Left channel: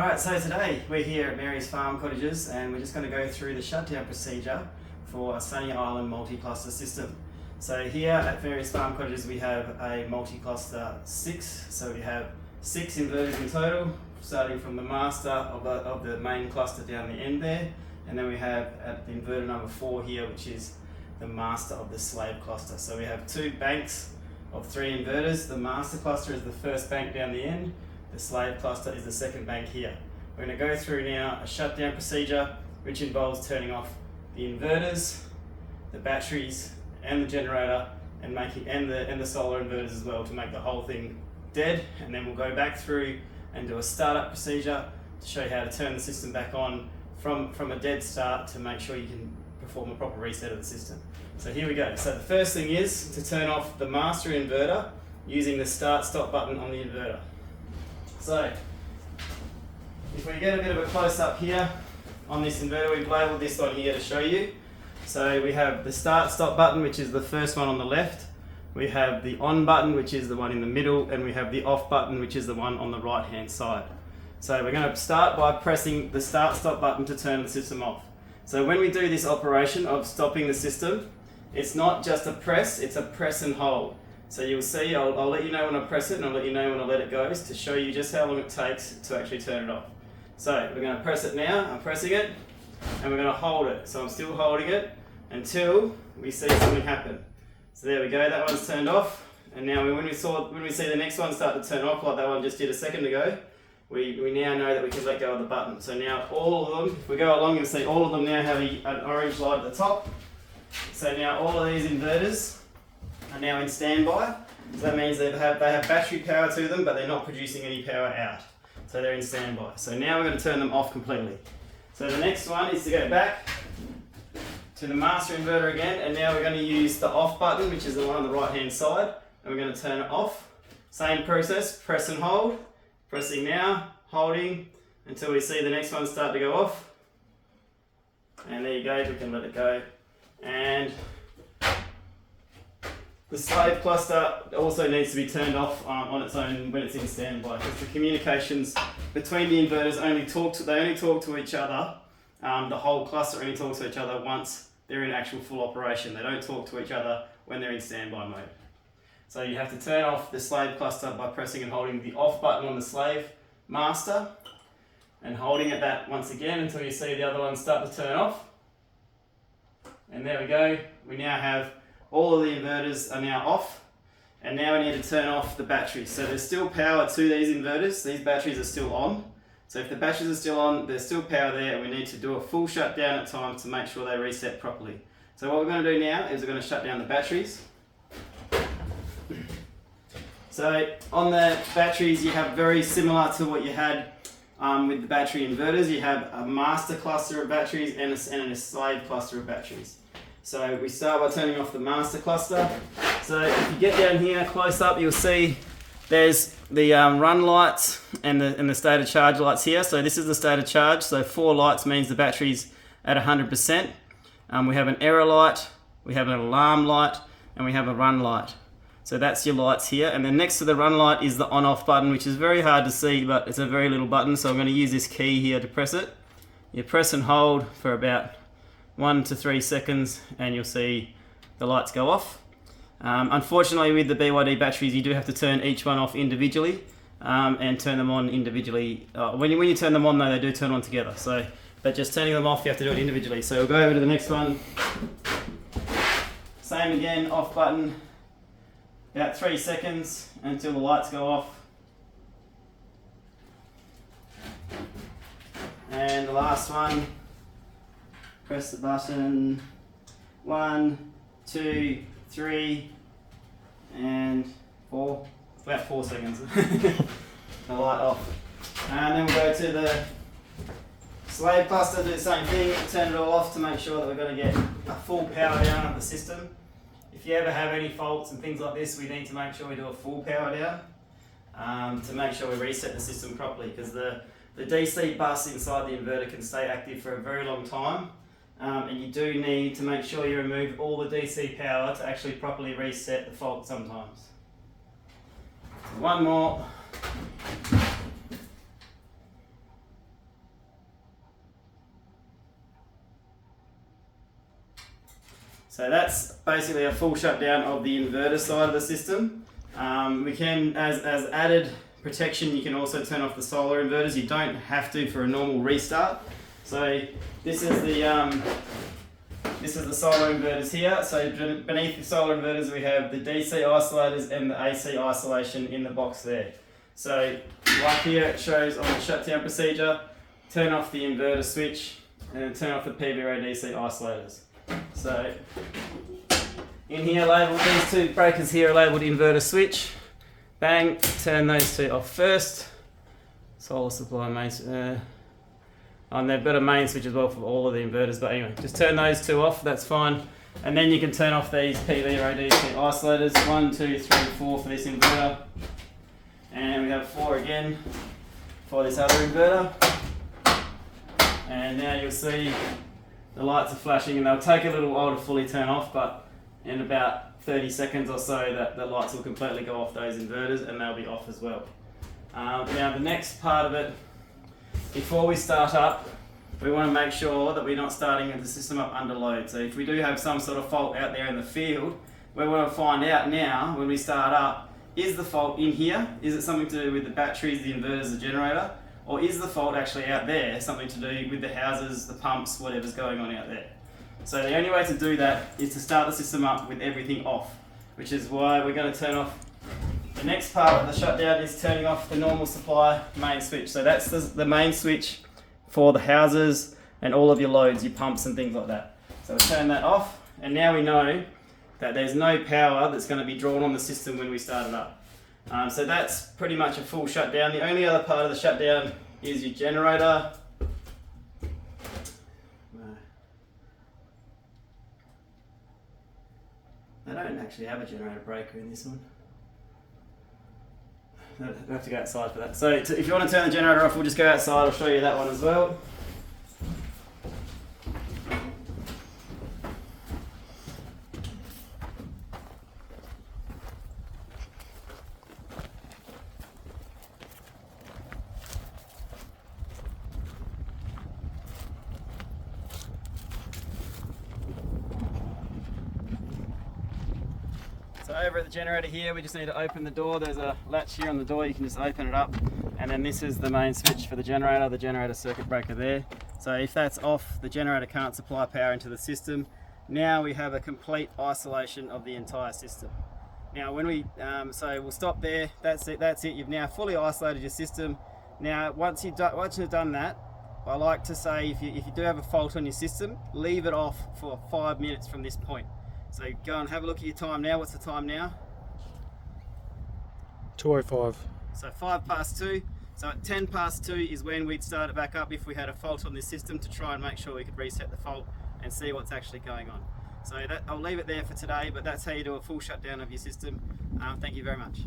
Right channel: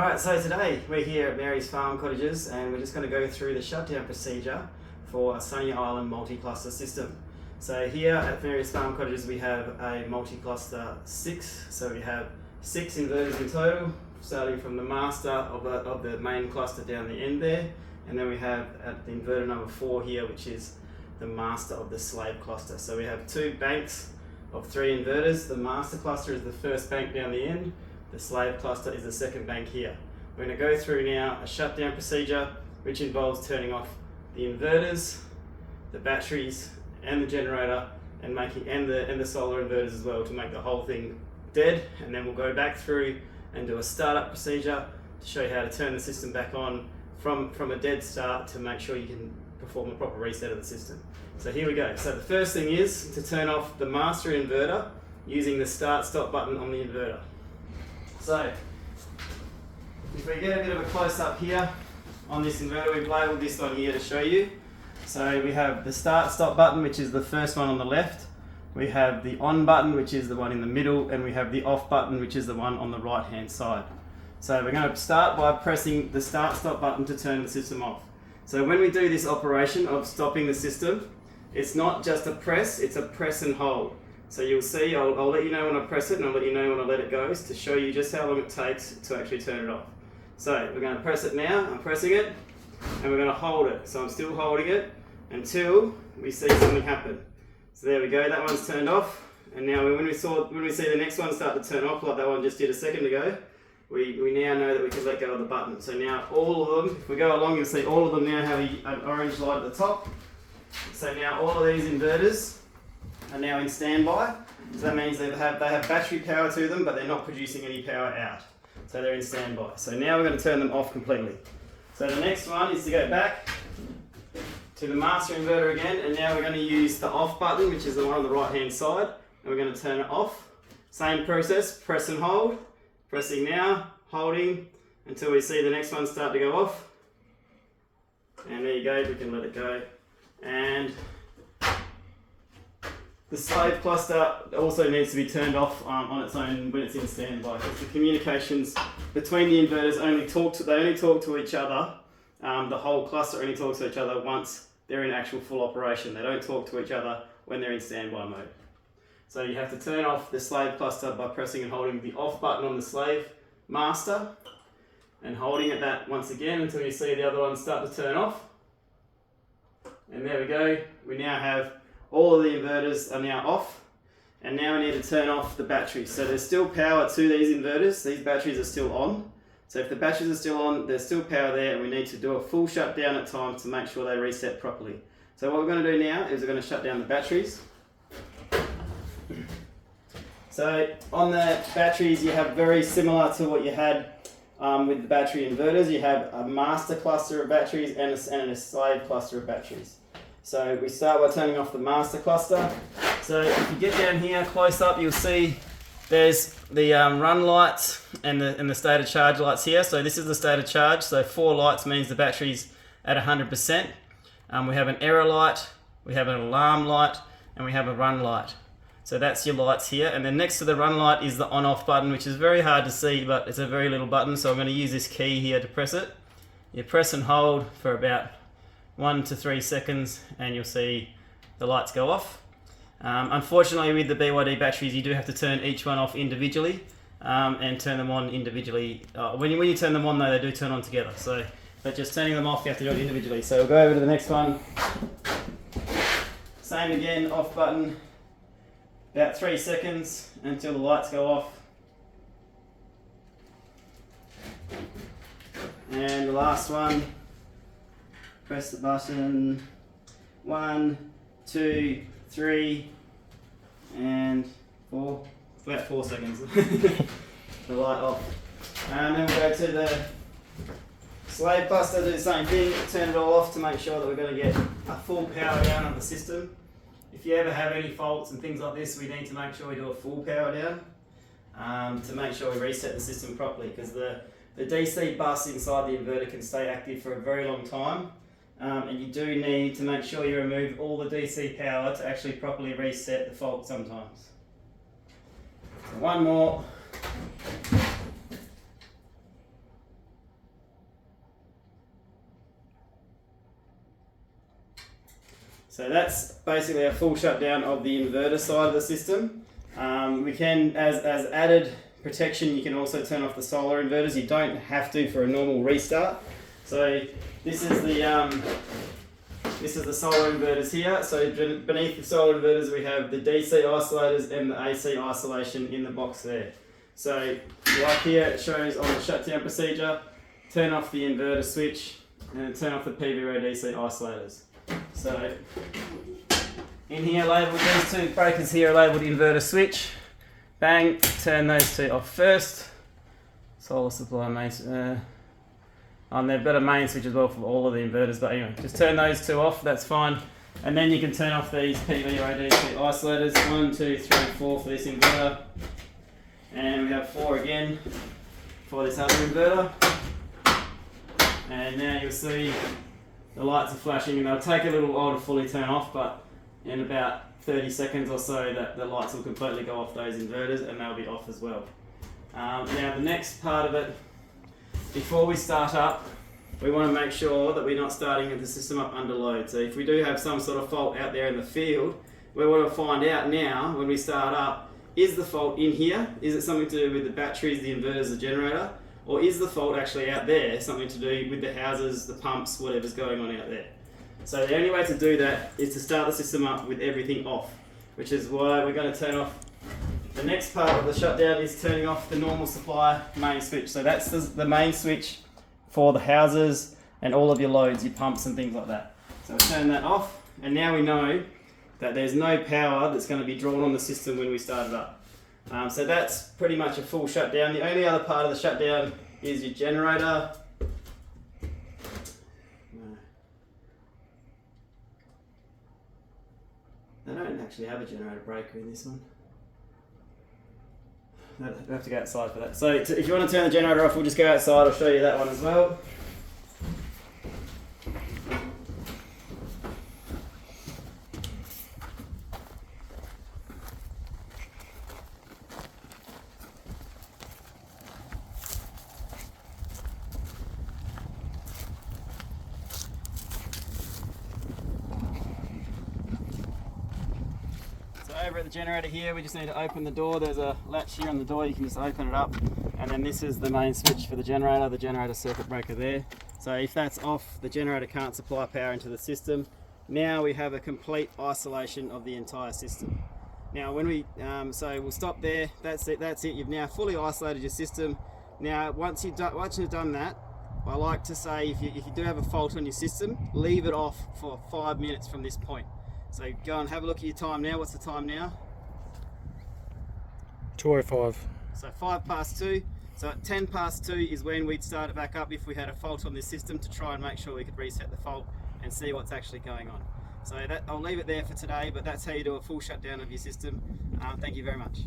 Alright, so today we're here at Mary's Farm Cottages and we're just going to go through the shutdown procedure for a Sunny Island multi-cluster system. So here at Mary's Farm Cottages we have a multi-cluster 6, so we have 6 inverters in total, starting from the master of the main cluster down the end there, and then we have at the inverter number 4 here, which is the master of the slave cluster. So we have 2 banks of 3 inverters. The master cluster is the first bank down the end. The slave cluster is the second bank here. We're going to go through now a shutdown procedure which involves turning off the inverters, the batteries and the generator and the solar inverters as well to make the whole thing dead, and then we'll go back through and do a startup procedure to show you how to turn the system back on from a dead start to make sure you can perform a proper reset of the system. So here we go. So the first thing is to turn off the master inverter using the start stop button on the inverter. So, if we get a bit of a close up here on this inverter, we've labelled this one here to show you. So we have the start stop button, which is the first one on the left. We have the on button, which is the one in the middle, and we have the off button, which is the one on the right hand side. So we're going to start by pressing the start stop button to turn the system off. So when we do this operation of stopping the system, it's not just a press, it's a press and hold. So you'll see, I'll let you know when I press it and I'll let you know when I let it go to show you just how long it takes to actually turn it off. So we're going to press it now, I'm pressing it, and we're going to hold it. So I'm still holding it until we see something happen. So there we go, that one's turned off. And now when we see the next one start to turn off like that one just did a second ago, we now know that we can let go of the button. So now all of them, if we go along, you'll see all of them now have an orange light at the top. So now all of these inverters are now in standby. So that means they have battery power to them, but they're not producing any power out. So they're in standby. So now we're going to turn them off completely. So the next one is to go back to the master inverter again, and now we're going to use the off button, which is the one on the right hand side, and we're going to turn it off. Same process, press and hold. Pressing now, holding until we see the next one start to go off. And there you go, we can let it go. And the slave cluster also needs to be turned off on its own when it's in standby, because the communications between the inverters only talk to each other. The whole cluster only talks to each other once they're in actual full operation. They don't talk to each other when they're in standby mode. So you have to turn off the slave cluster by pressing and holding the off button on the slave master and holding it that once again until you see the other one start to turn off. And there we go. We now have all of the inverters are now off, and now we need to turn off the batteries. So there's still power to these inverters. These batteries are still on. So if the batteries are still on, there's still power there, and we need to do a full shutdown at times to make sure they reset properly. So what we're going to do now is we're going to shut down the batteries. So on the batteries, you have very similar to what you had with the battery inverters. You have a master cluster of batteries and a slave cluster of batteries. So we start by turning off the master cluster. So if you get down here close up, you'll see there's the run lights and the state of charge lights here. So this is the state of charge. So 4 lights means the battery's at 100%. We have an error light, we have an alarm light, and we have a run light. So that's your lights here. And then next to the run light is the on-off button, which is very hard to see, but it's a very little button. So I'm going to use this key here to press it. You press and hold for about 1 to 3 seconds and you'll see the lights go off. Unfortunately with the BYD batteries you do have to turn each one off individually and turn them on individually. When you turn them on though, they do turn on together. But just turning them off, you have to do it individually. So we'll go over to the next one. Same again, off button, about 3 seconds until the lights go off. And the last one, press the button, 1, 2, 3, and 4, about 4 seconds, the light off. And then we'll go to the slave cluster, do the same thing, turn it all off to make sure that we're going to get a full power down of the system. If you ever have any faults and things like this, we need to make sure we do a full power down to make sure we reset the system properly, because the DC bus inside the inverter can stay active for a very long time. And you do need to make sure you remove all the DC power to actually properly reset the fault sometimes. So one more. So that's basically a full shutdown of the inverter side of the system. We can, as added protection, you can also turn off the solar inverters. You don't have to for a normal restart. So this is the solar inverters here. So beneath the solar inverters we have the DC isolators and the AC isolation in the box there. So like here it shows on the shutdown procedure, turn off the inverter switch and turn off the PVO DC isolators. So in here labelled, these two breakers here are labelled inverter switch. Bang, turn those two off first. Solar supply main, they've got a main switch as well for all of the inverters, but anyway, just turn those two off, that's fine. And then you can turn off these PVO DC isolators, 1, 2, 3, 4 for this inverter. And we have 4 again for this other inverter. And now you'll see the lights are flashing, and they'll take a little while to fully turn off, but in about 30 seconds or so that the lights will completely go off those inverters and they'll be off as well. Now the next part of it, before we start up, we want to make sure that we're not starting the system up under load. So if we do have some sort of fault out there in the field, we want to find out now when we start up, is the fault in here? Is it something to do with the batteries, the inverters, the generator? Or is the fault actually out there, something to do with the houses, the pumps, whatever's going on out there? So the only way to do that is to start the system up with everything off, which is why we're going to turn off. The next part of the shutdown is turning off the normal supply main switch. So that's the main switch for the houses and all of your loads, your pumps and things like that. So we'll turn that off, and now we know that there's no power that's going to be drawn on the system when we start it up. So that's pretty much a full shutdown. The only other part of the shutdown is your generator. They don't actually have a generator breaker in this one. They have to go outside for that. So if you want to turn the generator off, we'll just go outside. I'll show you that one as well. So over at the generator here, we just need to open the door. There's a latch here on the door, you can just open it up. And then this is the main switch for the generator circuit breaker there. So if that's off, the generator can't supply power into the system. Now we have a complete isolation of the entire system. Now when we, so we'll stop there, that's it. You've now fully isolated your system. Now once you've done that, I like to say if you do have a fault on your system, leave it off for 5 minutes from this point. So go and have a look at your time now. What's the time now? 2:05. So 2:05. So at 2:10 is when we'd start it back up if we had a fault on this system, to try and make sure we could reset the fault and see what's actually going on. So I'll leave it there for today, but that's how you do a full shutdown of your system. Thank you very much.